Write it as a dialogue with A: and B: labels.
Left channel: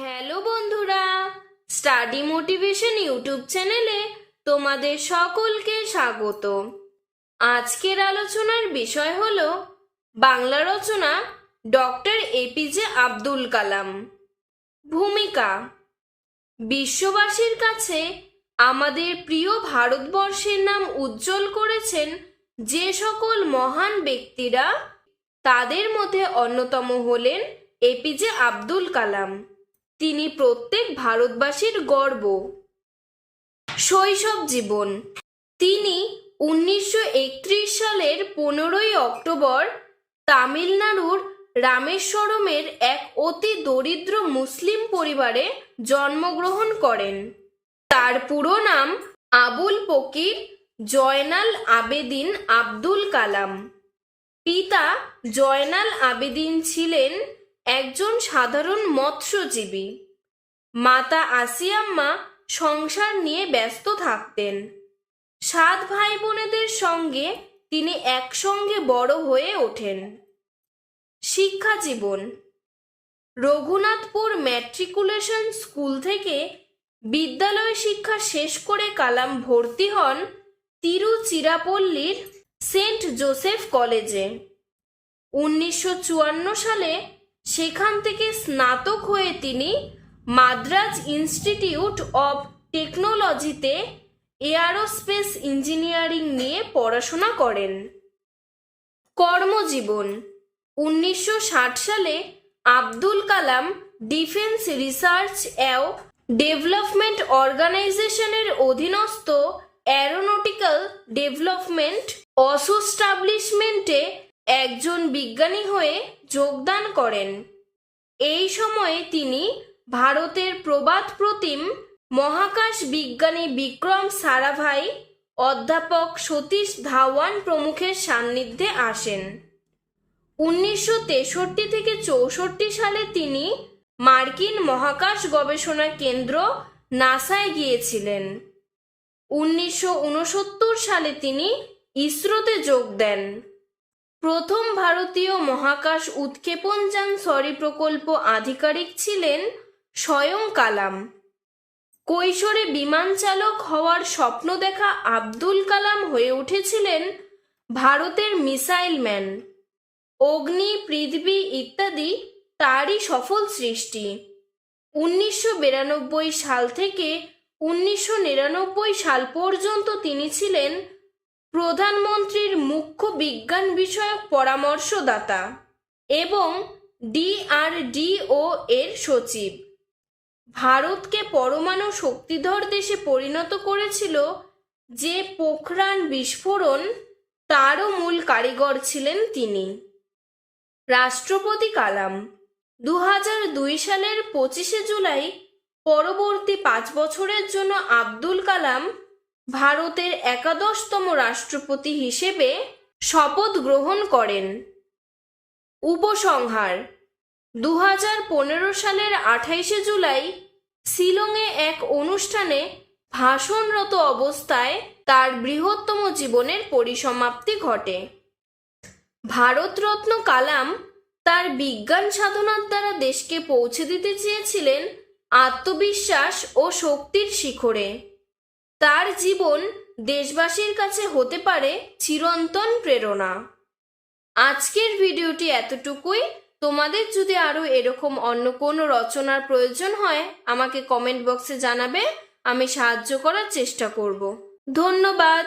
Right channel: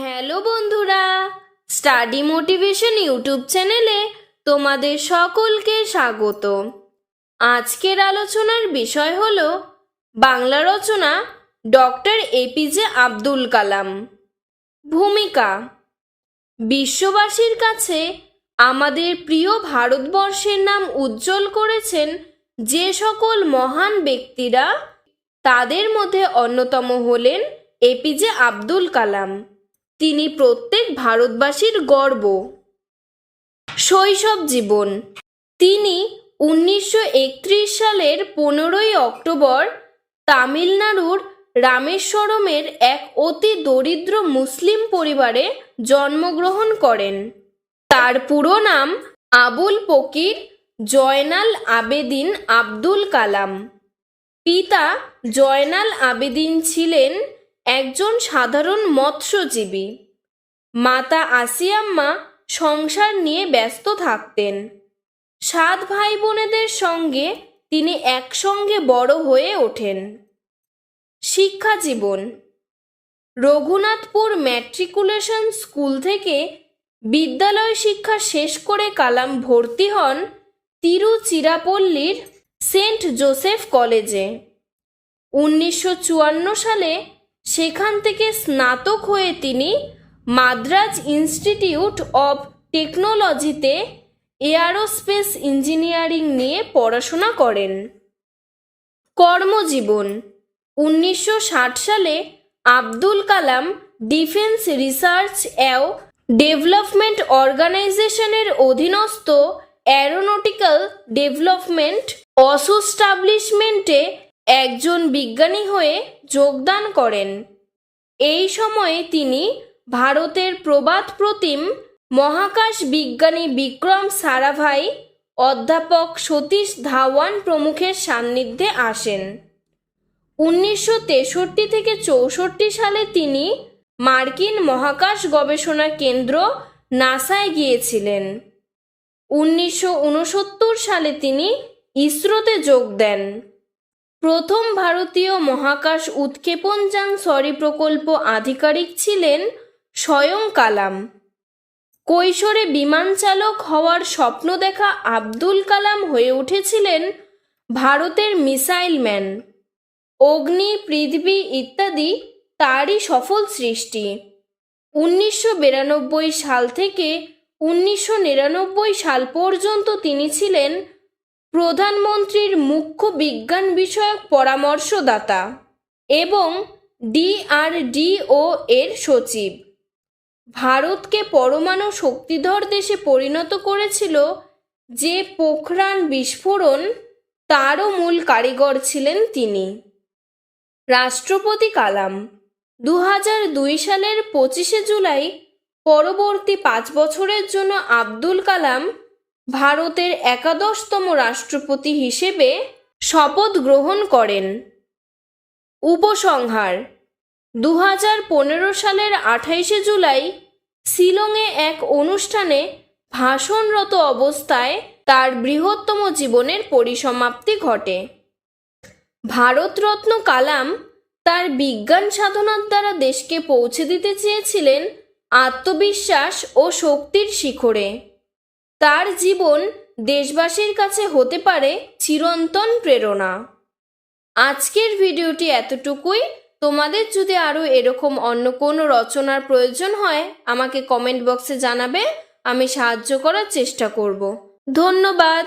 A: Hello বন্ধুরা, study motivation YouTube চ্যানেলে তোমাদের সকলকে স্বাগত আজকের আলোচনার বিষয় হল বাংলা রচনা ডক্টর এপিজে আব্দুল কালাম। ভূমিকা, বিশ্ববাসীর কাছে আমাদের প্রিয় ভারতবর্ষের নাম উজ্জ্বল করেছেন যে সকল মহান ব্যক্তিরা, তাদের মধ্যে অন্যতম হলেন এপিজে আব্দুল কালাম। তিনি প্রত্যেক ভারতবাসীর গর্ব। শৈশব জীবন। তিনি উনিশশো একত্রিশ সালের পনেরোই অক্টোবর তামিলনাড়ুর রামেশ্বরমের এক অতি দরিদ্র মুসলিম পরিবারে জন্মগ্রহণ করেন। তার পুরো নাম আবুল পকির জয়নাল আবেদিন আব্দুল কালাম। পিতা জয়নাল আবেদিন ছিলেন একজন সাধারণ মৎস্যজীবী। মাতা আসিয়াম্মা সংসার নিয়ে ব্যস্ত থাকতেন। সাত ভাই বোনেদের সঙ্গে তিনি একসঙ্গে বড় হয়ে ওঠেন। শিক্ষা জীবন। রঘুনাথপুর ম্যাট্রিকুলেশন স্কুল থেকে বিদ্যালয় শিক্ষা শেষ করে কালাম ভর্তি হন তিরুচিরাপল্লীর সেন্ট জোসেফ কলেজে। উনিশশো চুয়ান্ন সালে সেখান থেকে স্নাতক হয়ে তিনি মাদ্রাজ ইনস্টিটিউট অব টেকনোলজিতে এয়ারোস্পেস ইঞ্জিনিয়ারিং নিয়ে পড়াশোনা করেন। কর্মজীবন, উনিশশো ষাট সালে আব্দুল কালাম ডিফেন্স রিসার্চ অ্যাও ডেভেলপমেন্ট অর্গানাইজেশনের অধীনস্থ অ্যারোনটিক্যাল ডেভেলপমেন্ট অসোস্টাবলিশমেন্টে একজন বিজ্ঞানী হয়ে যোগদান করেন। এই সময়ে তিনি ভারতের প্রবাদ প্রতিম মহাকাশ বিজ্ঞানী বিক্রম সারাভাই, অধ্যাপক সতীশ ধাওয়ান প্রমুখের সান্নিধ্যে আসেন। উনিশশো তেষট্টি থেকে চৌষট্টি সালে তিনি মার্কিন মহাকাশ গবেষণা কেন্দ্র নাসায় গিয়েছিলেন। উনিশশো উনসত্তর সালে তিনি ইসরোতে যোগ দেন। প্রথম ভারতীয় মহাকাশ উৎক্ষেপণযান সরি প্রকল্প আধিকারিক ছিলেন স্বয়ং কালাম। কৈশোরে বিমান চালক হওয়ার স্বপ্ন দেখা আব্দুল কালাম হয়ে উঠেছিলেন ভারতের মিসাইল ম্যান। অগ্নি, পৃথিবী ইত্যাদি তারই সফল সৃষ্টি। উনিশশো বিরানব্বই সাল থেকে উনিশশো নিরানব্বই সাল পর্যন্ত তিনি ছিলেন প্রধানমন্ত্রীর মুখ্য বিজ্ঞান বিষয়ক পরামর্শদাতা এবং ডিআরডিও এর সচিব। ভারতকে পরমাণু শক্তিধর দেশে পরিণত করেছিল যে পোখরান বিস্ফোরণ তারও মূল কারিগর ছিলেন তিনি। রাষ্ট্রপতি কালাম দু দুই সালের পঁচিশে জুলাই পরবর্তী পাঁচ বছরের জন্য আব্দুল কালাম ভারতের একাদশতম রাষ্ট্রপতি হিসেবে শপথ গ্রহণ করেন। উপসংহার দু সালের আঠাইশে জুলাই শিলংয়ে এক অনুষ্ঠানে ভাষণরত অবস্থায় তার বৃহত্তম জীবনের পরিসমাপ্তি ঘটে। ভারতরত্ন কালাম তার বিজ্ঞান সাধনার দ্বারা দেশকে পৌঁছে দিতে চেয়েছিলেন আত্মবিশ্বাস ও শক্তির শিখরে। তার জীবন দেশবাসীর কাছে হতে পারে চিরন্তন প্রেরণা। আজকের ভিডিওটি এতটুকুই। তোমাদের যদি আরও এরকম অন্য কোনো রচনার প্রয়োজন হয়, আমাকে কমেন্ট বক্সে জানাবে, আমি সাহায্য করার চেষ্টা করব। ধন্যবাদ।